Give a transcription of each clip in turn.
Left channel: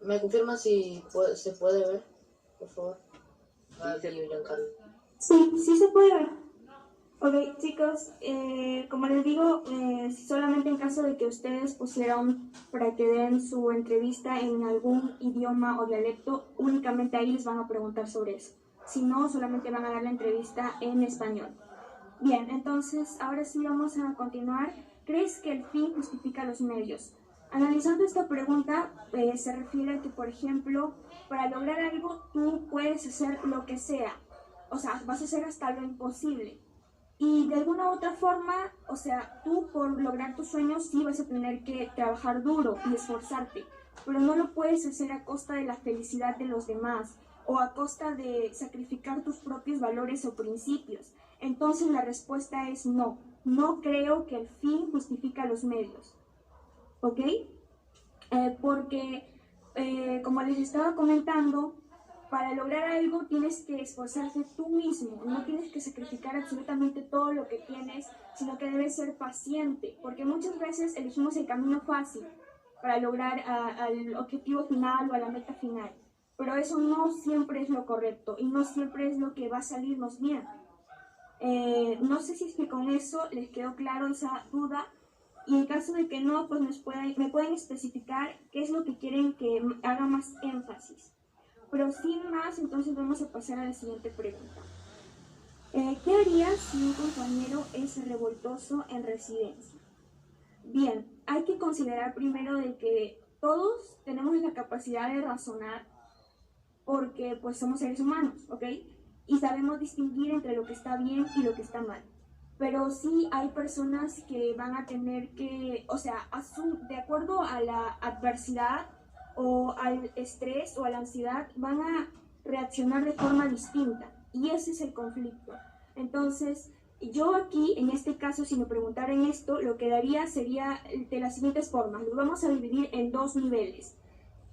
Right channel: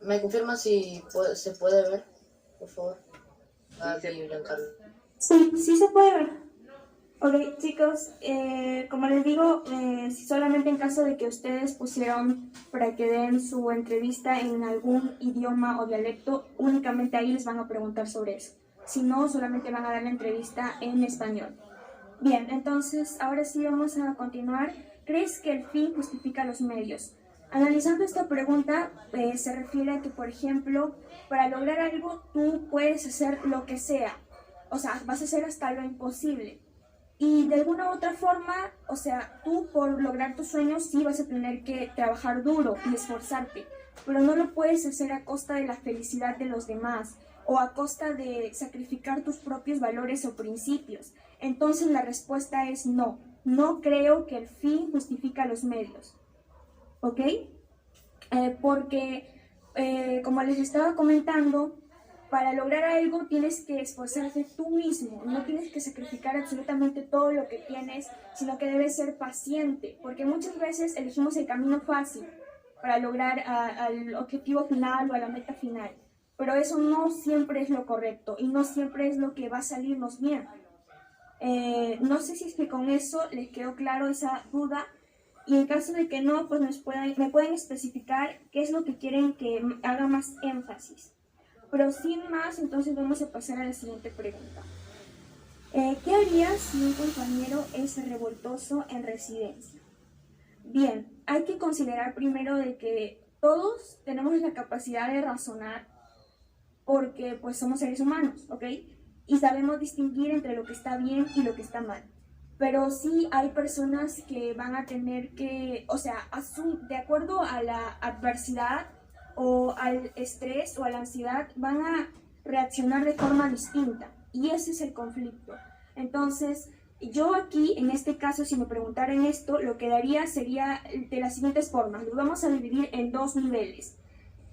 ¿Me confirma si se puede ver, por favor? Sí, Aquí, Giancarlo. Sí, sí se puede ver. Ok, chicos, como les digo, solamente en caso de que ustedes pusieron para que den su entrevista en algún idioma o dialecto, únicamente ahí les van a preguntar sobre eso. Si no, solamente van a dar la entrevista en español. Bien, entonces ahora sí vamos a continuar. ¿Crees que el fin justifica los medios? Analizando esta pregunta, se refiere a que, por ejemplo, para lograr algo tú puedes hacer lo que sea. O sea, vas a hacer hasta lo imposible. Y de alguna u otra forma, o sea, tú por lograr tus sueños sí vas a tener que trabajar duro y esforzarte, pero no lo puedes hacer a costa de la felicidad de los demás o a costa de sacrificar tus propios valores o principios. Entonces la respuesta es no. No creo que el fin justifica los medios. ¿Ok? Porque, como les estaba comentando, para lograr algo tienes que esforzarte tú mismo, no tienes que sacrificar absolutamente todo lo que tienes, sino que debes ser paciente, porque muchas veces elegimos el camino fácil para lograr al objetivo final o a la meta final, pero eso no siempre es lo correcto y no siempre es lo que va a salirnos bien. No sé si es que con eso les quedó claro esa duda. Y en caso de que no, pues me pueden especificar qué es lo que quieren que haga más énfasis. Pero sin más, entonces vamos a pasar a la siguiente pregunta. ¿Qué harías si un compañero es revoltoso en residencia? Bien, hay que considerar primero de que todos tenemos la capacidad de razonar porque pues somos seres humanos, ¿ok? Y sabemos distinguir entre lo que está bien y lo que está mal. Pero sí hay personas que van a tener que, o sea, de acuerdo a la adversidad o al estrés o a la ansiedad, van a reaccionar de forma distinta. Y ese es el conflicto. Entonces, yo aquí, en este caso, si me preguntaran esto, lo que daría sería de las siguientes formas. Lo vamos a dividir en dos niveles.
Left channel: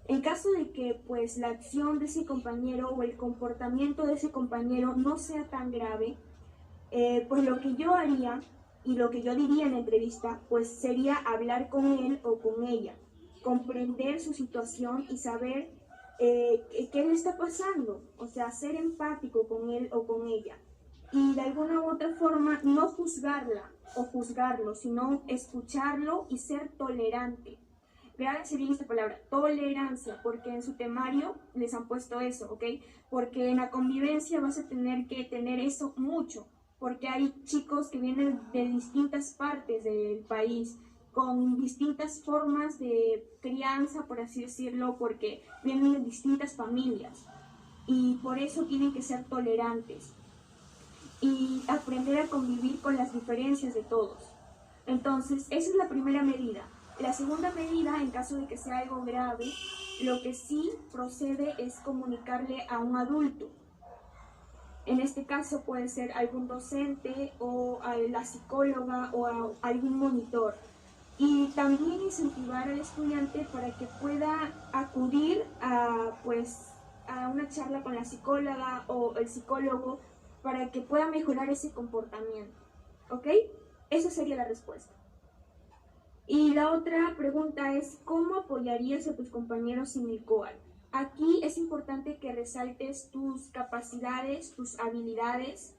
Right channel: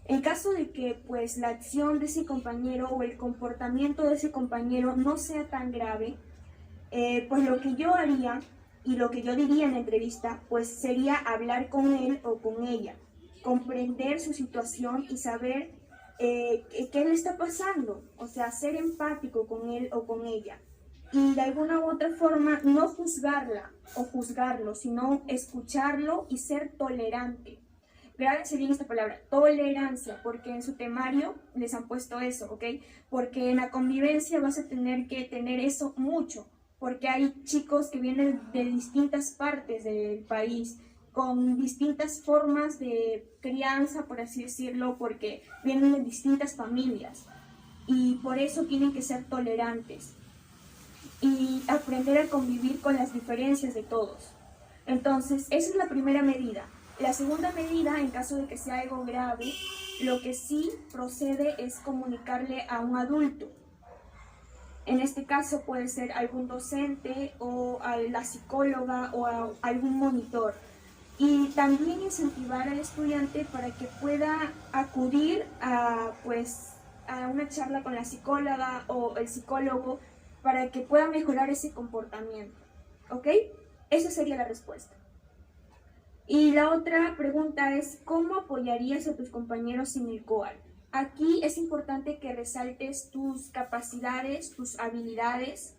En caso de que pues la acción de ese compañero o el comportamiento de ese compañero no sea tan grave, pues lo que yo haría y lo que yo diría en la entrevista pues sería hablar con él o con ella, comprender su situación y saber qué le está pasando, o sea, ser empático con él o con ella. Y de alguna u otra forma no juzgarla o juzgarlo, sino escucharlo y ser tolerante. Grábense bien esta palabra, tolerancia, porque en su temario les han puesto eso, ¿ok? Porque en la convivencia vas a tener que tener eso mucho, porque hay chicos que vienen de distintas partes del país, con distintas formas de crianza, por así decirlo, porque vienen de distintas familias y por eso tienen que ser tolerantes y aprender a convivir con las diferencias de todos. Entonces, esa es la primera medida. La segunda medida, en caso de que sea algo grave, lo que sí procede es comunicarle a un adulto. En este caso puede ser algún docente o a la psicóloga o a algún monitor. Y también incentivar al estudiante para que pueda acudir a una charla con la psicóloga o el psicólogo para que pueda mejorar ese comportamiento. ¿Ok? Esa sería la respuesta. Y la otra pregunta es, ¿cómo apoyarías a tus compañeros en el COAL? Aquí es importante que resaltes tus capacidades, tus habilidades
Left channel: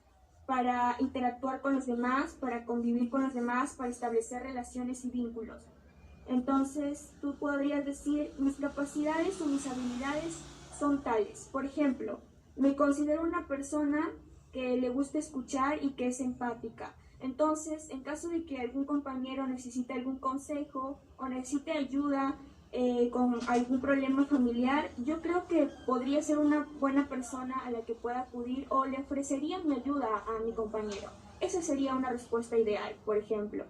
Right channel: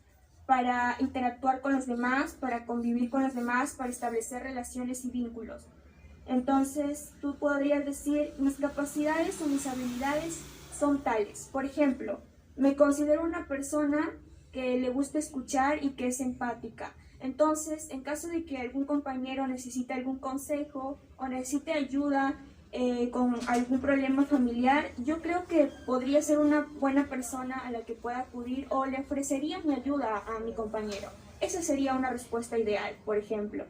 para interactuar con los demás, para convivir con los demás, para establecer relaciones y vínculos. Entonces, tú podrías decir, mis capacidades o mis habilidades son tales. Por ejemplo, me considero una persona que le gusta escuchar y que es empática. Entonces, en caso de que algún compañero necesite algún consejo o necesite ayuda con algún problema familiar, yo creo que podría ser una buena persona a la que pueda acudir o le ofrecería mi ayuda a mi compañero. Esa sería una respuesta ideal, por ejemplo.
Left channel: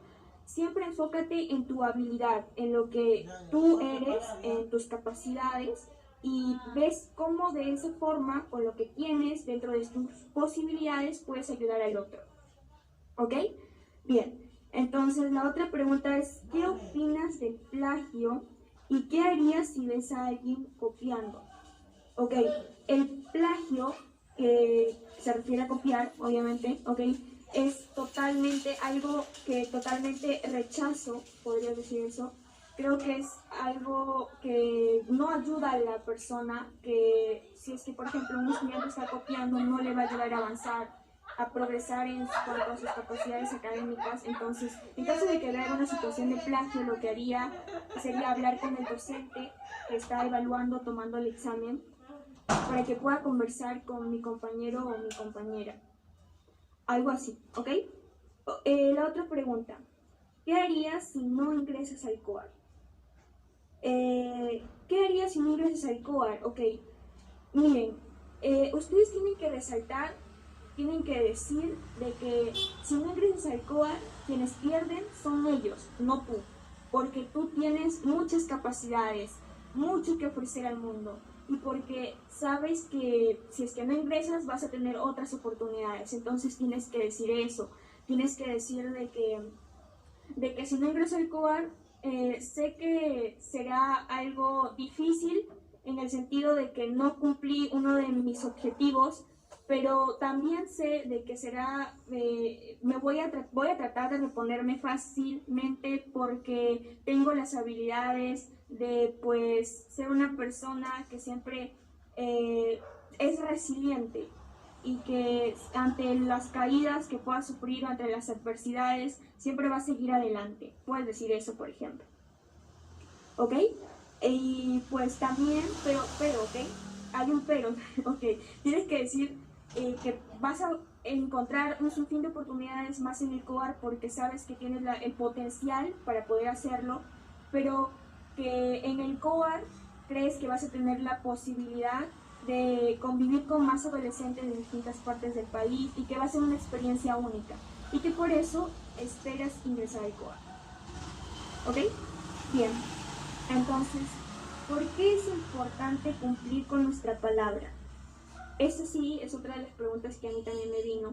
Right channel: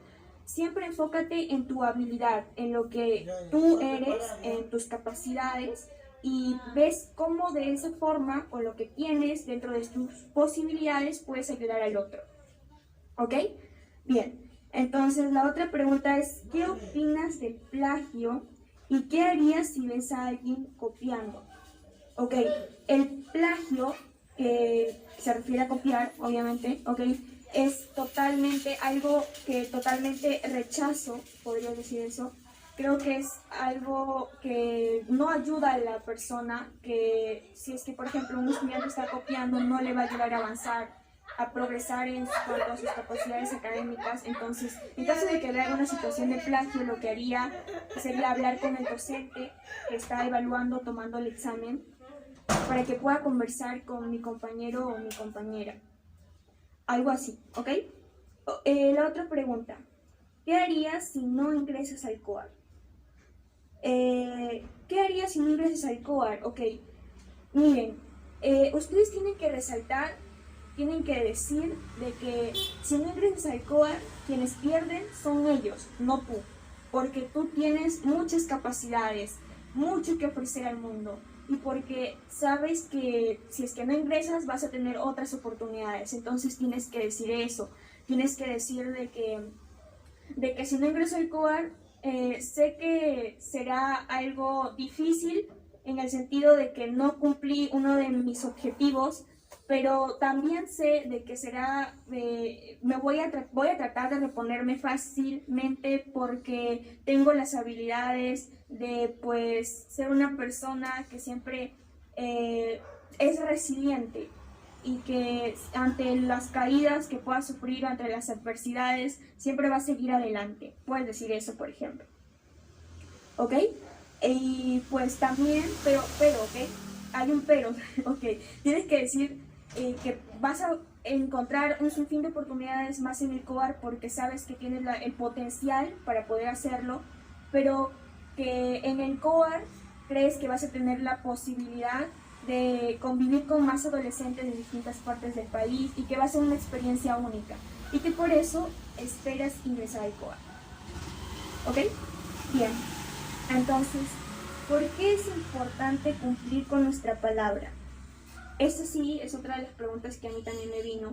Siempre enfócate en tu habilidad, en lo que tú eres, en tus capacidades y ves cómo de esa forma, con lo que tienes dentro de tus posibilidades, puedes ayudar al otro. ¿Ok? Bien, entonces la otra pregunta es, ¿qué opinas del plagio y qué harías si ves a alguien copiando? Ok, el plagio, que se refiere a copiar, obviamente, ok, es totalmente algo que totalmente rechazo, podría decir eso, creo que es algo que no ayuda a la persona, que si es que, por ejemplo, un estudiante está copiando, no le va a ayudar a avanzar, a progresar en cuanto a sus capacidades académicas. Entonces, en caso de que vea una situación de plagio, lo que haría sería hablar con el docente que está evaluando, tomando el examen, para que pueda conversar con mi compañero o mi compañera. Algo así, ¿ok? La otra pregunta. ¿Qué harías si no ingresas al COAR? ¿Qué harías si no ingresas al COAR? Ok, miren, ustedes tienen que resaltar, tienen que decir de que si no ingresas al COAR, quienes pierden son ellos, no tú. Porque tú tienes muchas capacidades, mucho que ofrecer al mundo. Y porque sabes que si es que no ingresas vas a tener otras oportunidades. Entonces tienes que decir eso. Tienes que decir de que si no ingreso al COAR, sé que será algo difícil en el sentido de que no cumplí uno de mis objetivos, pero también sé de que será, voy a tratar de reponerme fácilmente porque tengo las habilidades de pues ser una persona que siempre es resiliente y que ante las caídas que pueda sufrir, ante las adversidades, siempre va a seguir adelante. Puedes decir eso, por ejemplo. ¿Ok? Y pues también, ¿ok? Hay un pero, ¿ok? Tienes que decir que vas a encontrar un sinfín de oportunidades más en el COAR porque sabes que tienes el potencial para poder hacerlo, pero que en el COAR crees que vas a tener la posibilidad de convivir con más adolescentes de distintas partes del país y que va a ser una experiencia única y que por eso esperas ingresar al COAR. ¿Ok? Bien. Entonces, ¿por qué es importante cumplir con nuestra palabra? Esa sí es otra de las preguntas que a mí también me vino.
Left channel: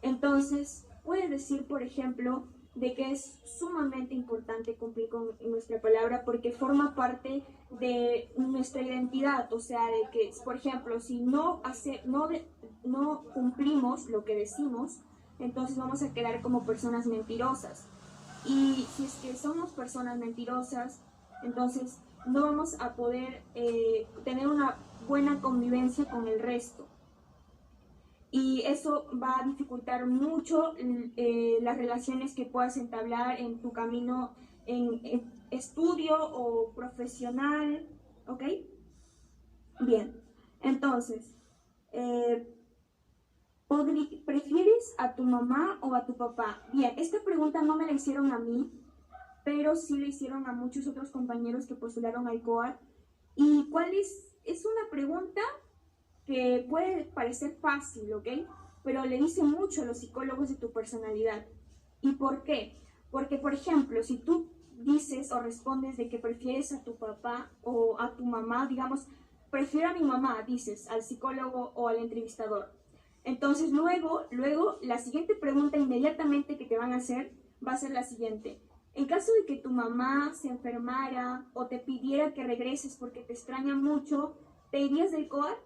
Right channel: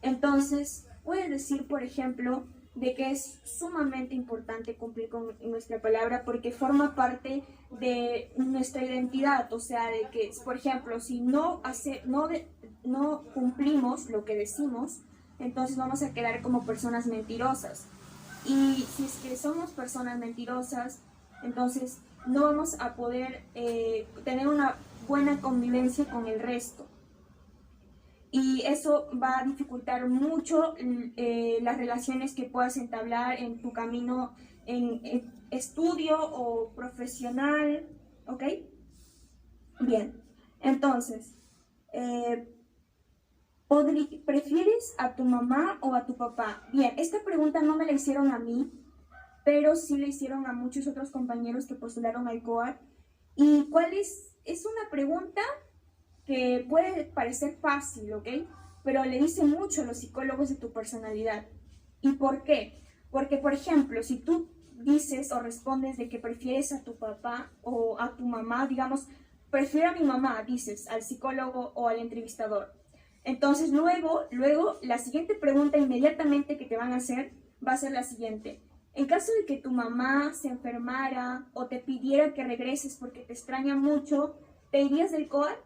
Entonces, puedes decir, por ejemplo, de que es sumamente importante cumplir con nuestra palabra porque forma parte de nuestra identidad, o sea, de que, por ejemplo, si no cumplimos lo que decimos, entonces vamos a quedar como personas mentirosas. Y si es que somos personas mentirosas, entonces no vamos a poder tener una buena convivencia con el resto. Y eso va a dificultar mucho las relaciones que puedas entablar en tu camino en estudio o profesional, ¿ok? Bien, entonces, ¿prefieres a tu mamá o a tu papá? Bien, esta pregunta no me la hicieron a mí, pero sí le hicieron a muchos otros compañeros que postularon al COAR. ¿Y cuál es? Es una pregunta que puede parecer fácil, ¿ok? Pero le dice mucho a los psicólogos de tu personalidad. ¿Y por qué? Porque, por ejemplo, si tú dices o respondes de que prefieres a tu papá o a tu mamá, digamos, prefiero a mi mamá, dices, al psicólogo o al entrevistador. Entonces, luego, la siguiente pregunta inmediatamente que te van a hacer va a ser la siguiente. En caso de que tu mamá se enfermara o te pidiera que regreses porque te extraña mucho, ¿te irías del COAR?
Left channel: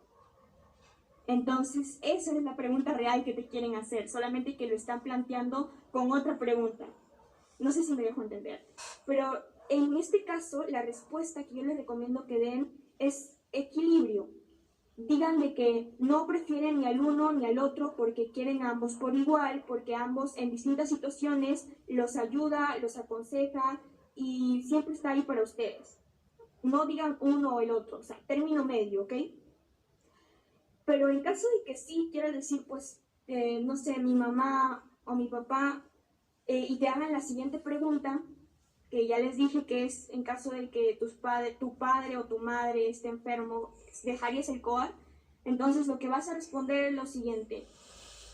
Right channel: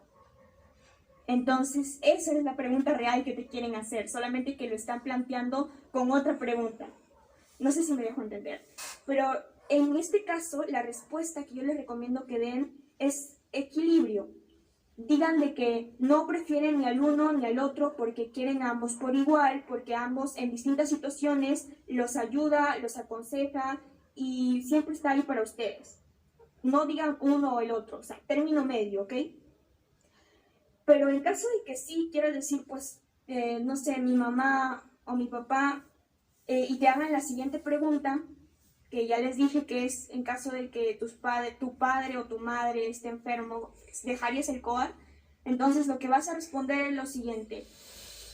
Entonces, esa es la pregunta real que te quieren hacer, solamente que lo están planteando con otra pregunta. No sé si me dejo entender. Pero en este caso, la respuesta que yo les recomiendo que den es equilibrio. Digan de que no prefieren ni al uno ni al otro porque quieren a ambos por igual, porque ambos en distintas situaciones los ayuda, los aconseja y siempre está ahí para ustedes. No digan uno o el otro, o sea, término medio, ¿ok? Pero en caso de que sí quieras decir, pues, no sé, mi mamá o mi papá, y te hagan la siguiente pregunta, que ya les dije que es en caso de que tu padre o tu madre esté enfermo, ¿dejarías el COAR? Entonces lo que vas a responder es lo siguiente.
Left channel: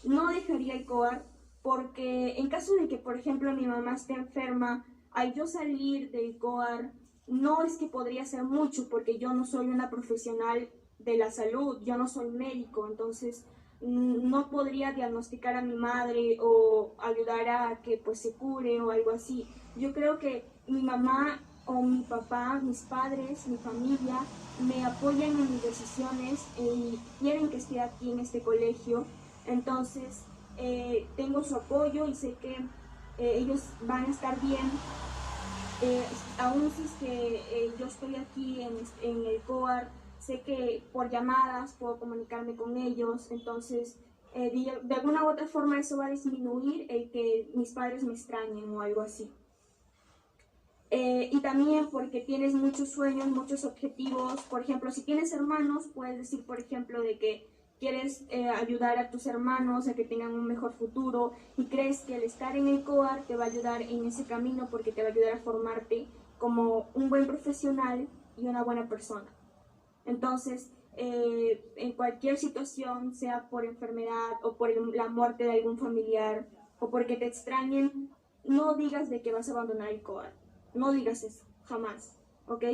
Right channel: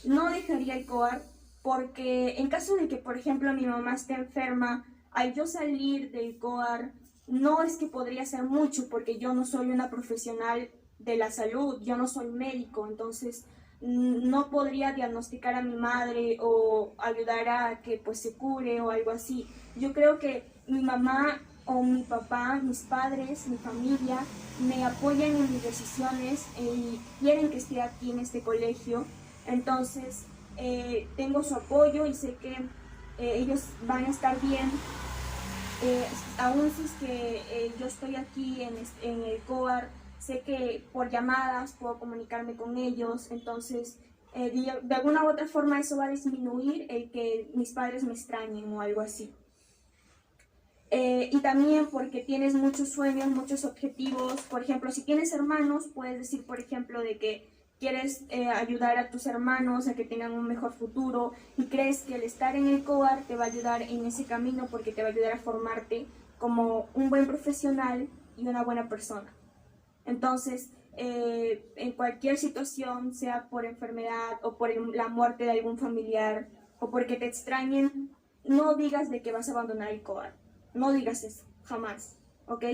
No dejaría el COAR porque en caso de que, por ejemplo, mi mamá esté enferma, al yo salir del COAR, no es que podría hacer mucho porque yo no soy una profesional de la salud, yo no soy médico, entonces no podría diagnosticar a mi madre o ayudar a que pues se cure o algo así. Yo creo que mi mamá o mi papá, mis padres, mi familia me apoyan en mis decisiones y quieren que esté aquí en este colegio, entonces tengo su apoyo y sé que ellos van a estar bien aún si es que yo estoy aquí en el COAR, sé que por llamadas puedo comunicarme con ellos, entonces de alguna u otra forma eso va a disminuir el que mis padres me extrañen o algo así. Y también porque tienes muchos sueños, muchos objetivos. Por ejemplo, si tienes hermanos, puedes decir, por ejemplo, de que quieres ayudar a tus hermanos a que tengan un mejor futuro y crees que el estar en el COAR te va a ayudar en ese camino porque te va a ayudar a formarte como un buen profesional y una buena persona. Entonces, en cualquier situación, sea por enfermedad o por la muerte de algún familiar o porque te extrañen, no digas de que vas a abandonar el COAR. No digas eso, jamás, ¿ok?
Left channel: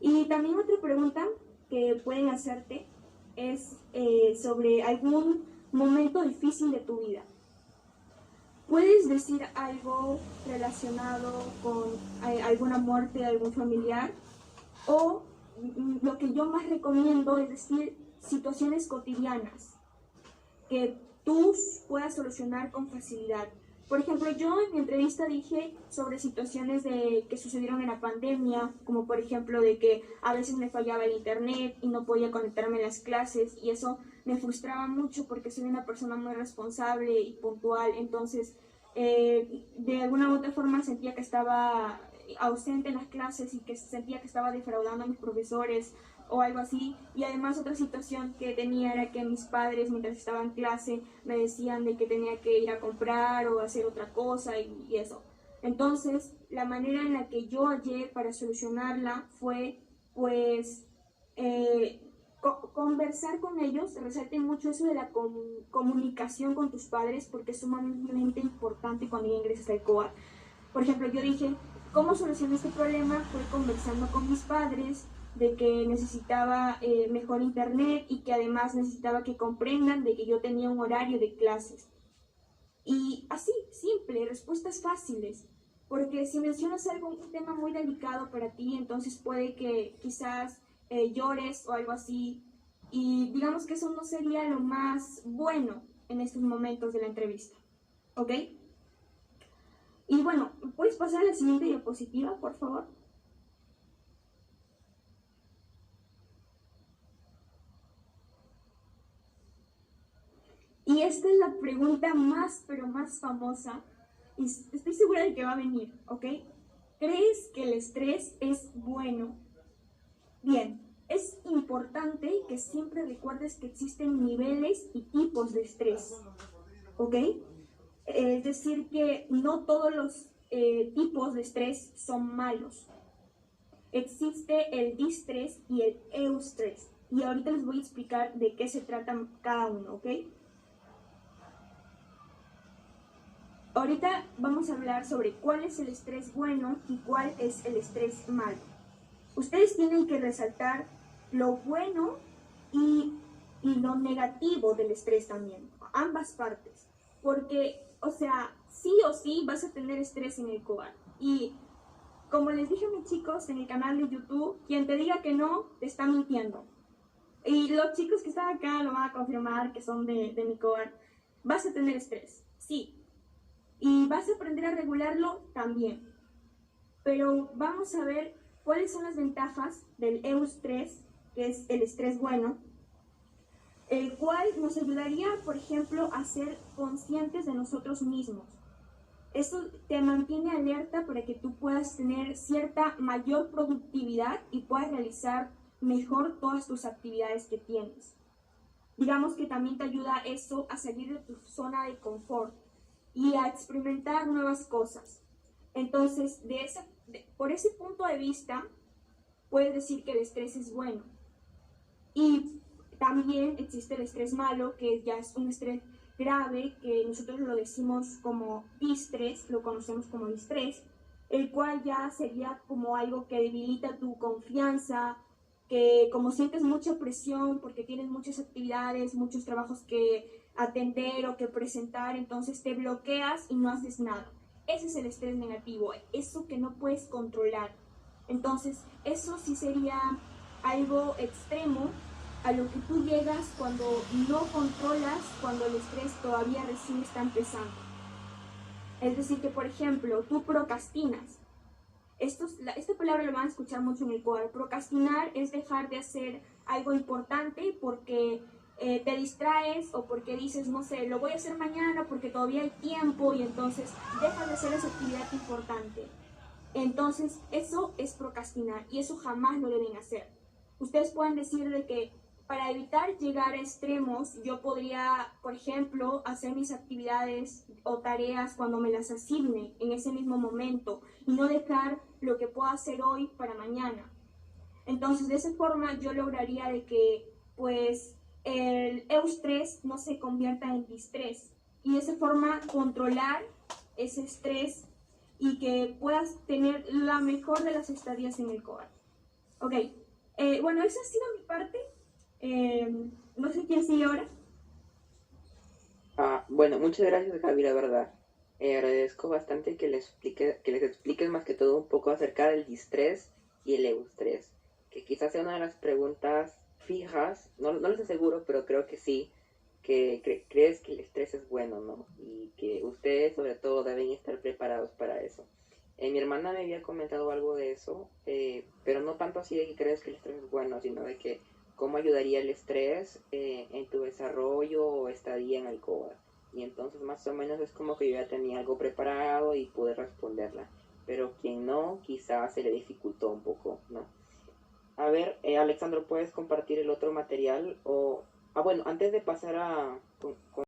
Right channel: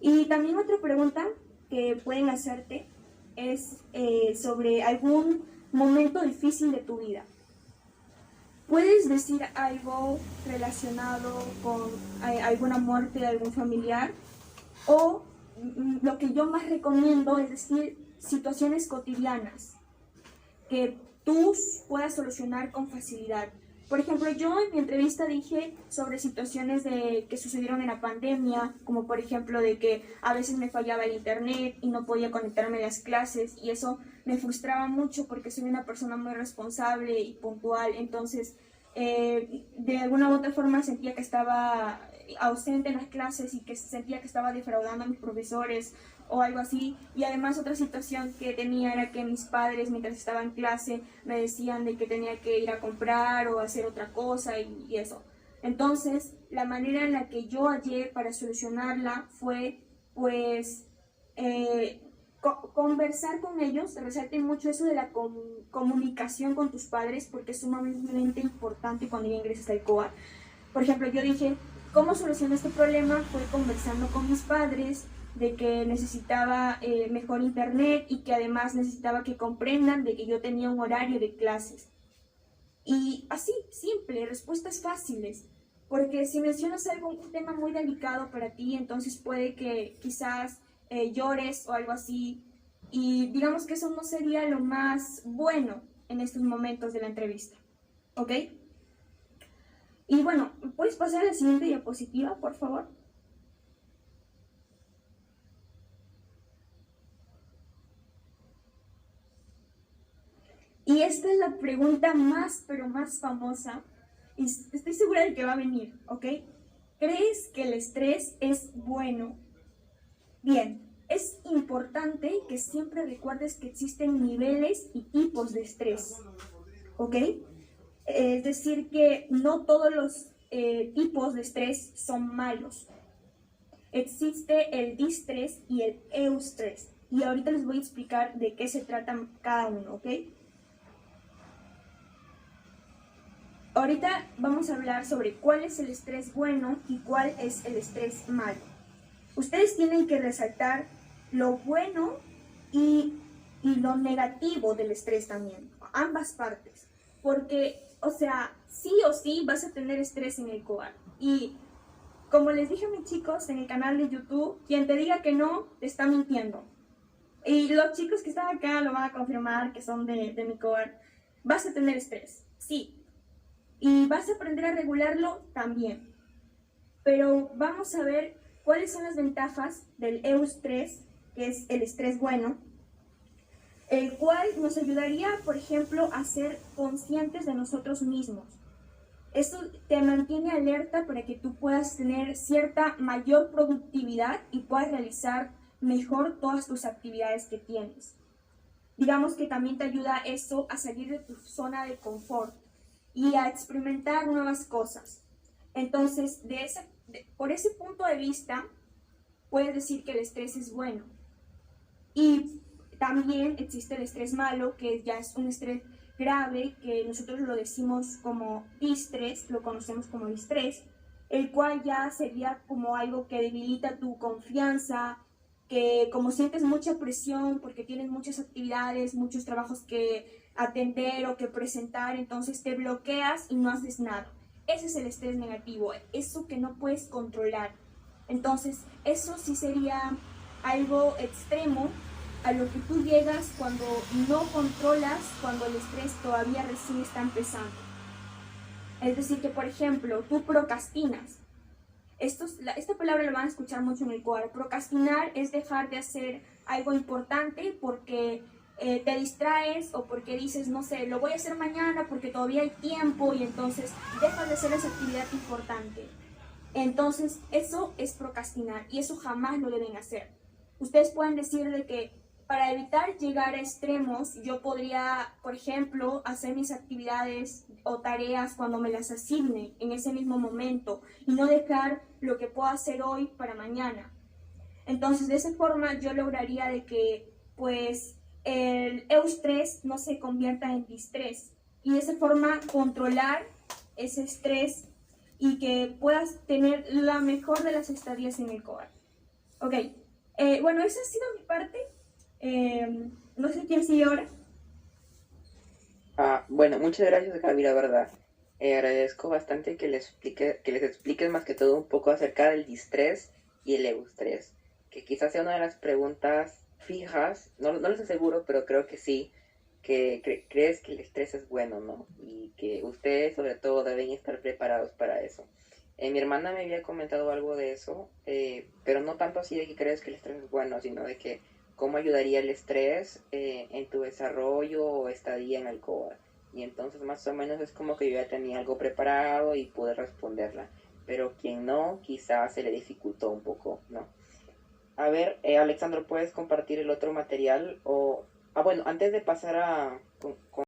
Y también otra pregunta que pueden hacerte es sobre algún momento difícil de tu vida. ¿Puedes decir algo relacionado con alguna muerte de algún familiar? O lo que yo más recomiendo es decir situaciones cotidianas que tú puedas solucionar con facilidad. Por ejemplo, yo en mi entrevista dije sobre situaciones que sucedieron en la pandemia, como por ejemplo de que a veces me fallaba el internet y no podía conectarme a las clases y eso me frustraba mucho porque soy una persona muy responsable y puntual, entonces de alguna u otra forma sentía que estaba ausente en las clases y que sentía que estaba defraudando a mis profesores o algo así. Y además otra situación que tenía era que mis padres mientras estaba en clase me decían de que tenía que ir a comprar o hacer otra cosa y eso. Entonces la manera en la que yo hallé para solucionarla fue pues conversar con ellos. Resalten mucho eso de la comunicación con tus padres porque es sumamente importante cuando ya ingresas al COAR. Por ejemplo, yo dije, ¿cómo solucioné este problema? Fue conversando con mis padres de que necesitaba mejor internet y que además necesitaba que comprendan de que yo tenía un horario de clases. Y así, simple, respuestas fáciles. Porque si mencionas un tema muy delicado para ti, entonces puede que quizás llores o algo así. Y digamos que eso no sería lo más bueno en estos momentos de la entrevista. ¿Ok? Y bueno, ¿puedes pasar a la siguiente diapositiva, por favor? Y esta es la pregunta más, pero más famosa, y estoy segura de que va a venir, ¿ok? ¿Crees que el estrés es bueno? Bien, es importante que siempre recuerdes que existen niveles y tipos de estrés, ¿ok? Es decir, que no todos los tipos de estrés son malos. Existe el distrés y el eustrés. Y ahorita les voy a explicar de qué se trata cada uno, ¿ok? Ahorita vamos a hablar sobre cuál es el estrés bueno y cuál es el estrés malo. Ustedes tienen que resaltar lo bueno y lo negativo del estrés también, ambas partes. Porque, o sea, sí o sí vas a tener estrés en el COAR. Y como les dije a mis chicos en el canal de YouTube, quien te diga que no, te está mintiendo. Y los chicos que están acá lo van a confirmar, que son de mi COAR. Vas a tener estrés, sí. Y vas a aprender a regularlo también. Pero vamos a ver cuáles son las ventajas del eustrés, que es el estrés bueno, el cual nos ayudaría, por ejemplo, a ser conscientes de nosotros mismos. Esto te mantiene alerta para que tú puedas tener cierta mayor productividad y puedas realizar mejor todas tus actividades que tienes. Digamos que también te ayuda eso a salir de tu zona de confort y a experimentar nuevas cosas. Entonces, por ese punto de vista, puedes decir que el estrés es bueno. Y también existe el estrés malo, que ya es un estrés grave, que nosotros lo decimos como distrés, lo conocemos como distrés, el cual ya sería como algo que debilita tu confianza, que como sientes mucha presión porque tienes muchas actividades, muchos trabajos que atender o que presentar, entonces te bloqueas y no haces nada. Ese es el estrés negativo, eso que no puedes controlar. Entonces, eso sí sería algo extremo a lo que tú llegas cuando no controlas, cuando el estrés todavía recién está empezando. Es decir, que por ejemplo, tú procrastinas. Esta palabra la van a escuchar mucho en el core. Procrastinar es dejar de hacer algo importante porque te distraes o porque dices, no sé, lo voy a hacer mañana porque todavía hay tiempo y entonces dejas de hacer esa actividad importante. Entonces, eso es procrastinar y eso jamás lo deben hacer. Ustedes pueden decir de que para evitar llegar a extremos, yo podría, por ejemplo, hacer mis actividades o tareas cuando me las asigne en ese mismo momento y no dejar lo que puedo hacer hoy para mañana. Entonces, de esa forma yo lograría de que, pues, el eustrés no se convierta en distrés y de esa forma controlar ese estrés y que puedas tener la mejor de las estadías en el COAR. Ok, bueno, esa ha sido mi parte. No sé quién sigue ahora. Bueno, muchas gracias, Gaby, la verdad. Agradezco bastante que les expliques más que todo un poco acerca del distrés y el eustrés, que quizás sea una de las preguntas fijas, no lo aseguro, pero creo que sí, que crees que el estrés es bueno, ¿no? Y que ustedes sobre todo deben estar preparados para eso. Mi hermana me había comentado algo de eso, pero no tanto así de que crees que el estrés es bueno, sino de que cómo ayudaría el estrés en tu desarrollo o estadía en Alcoba. Y entonces más o menos es como que yo ya tenía algo preparado y pude responderla. Pero quien no, quizás se le dificultó un poco, ¿no? A ver, Alexandro, ¿puedes compartir el otro material? O, bueno, antes de pasar a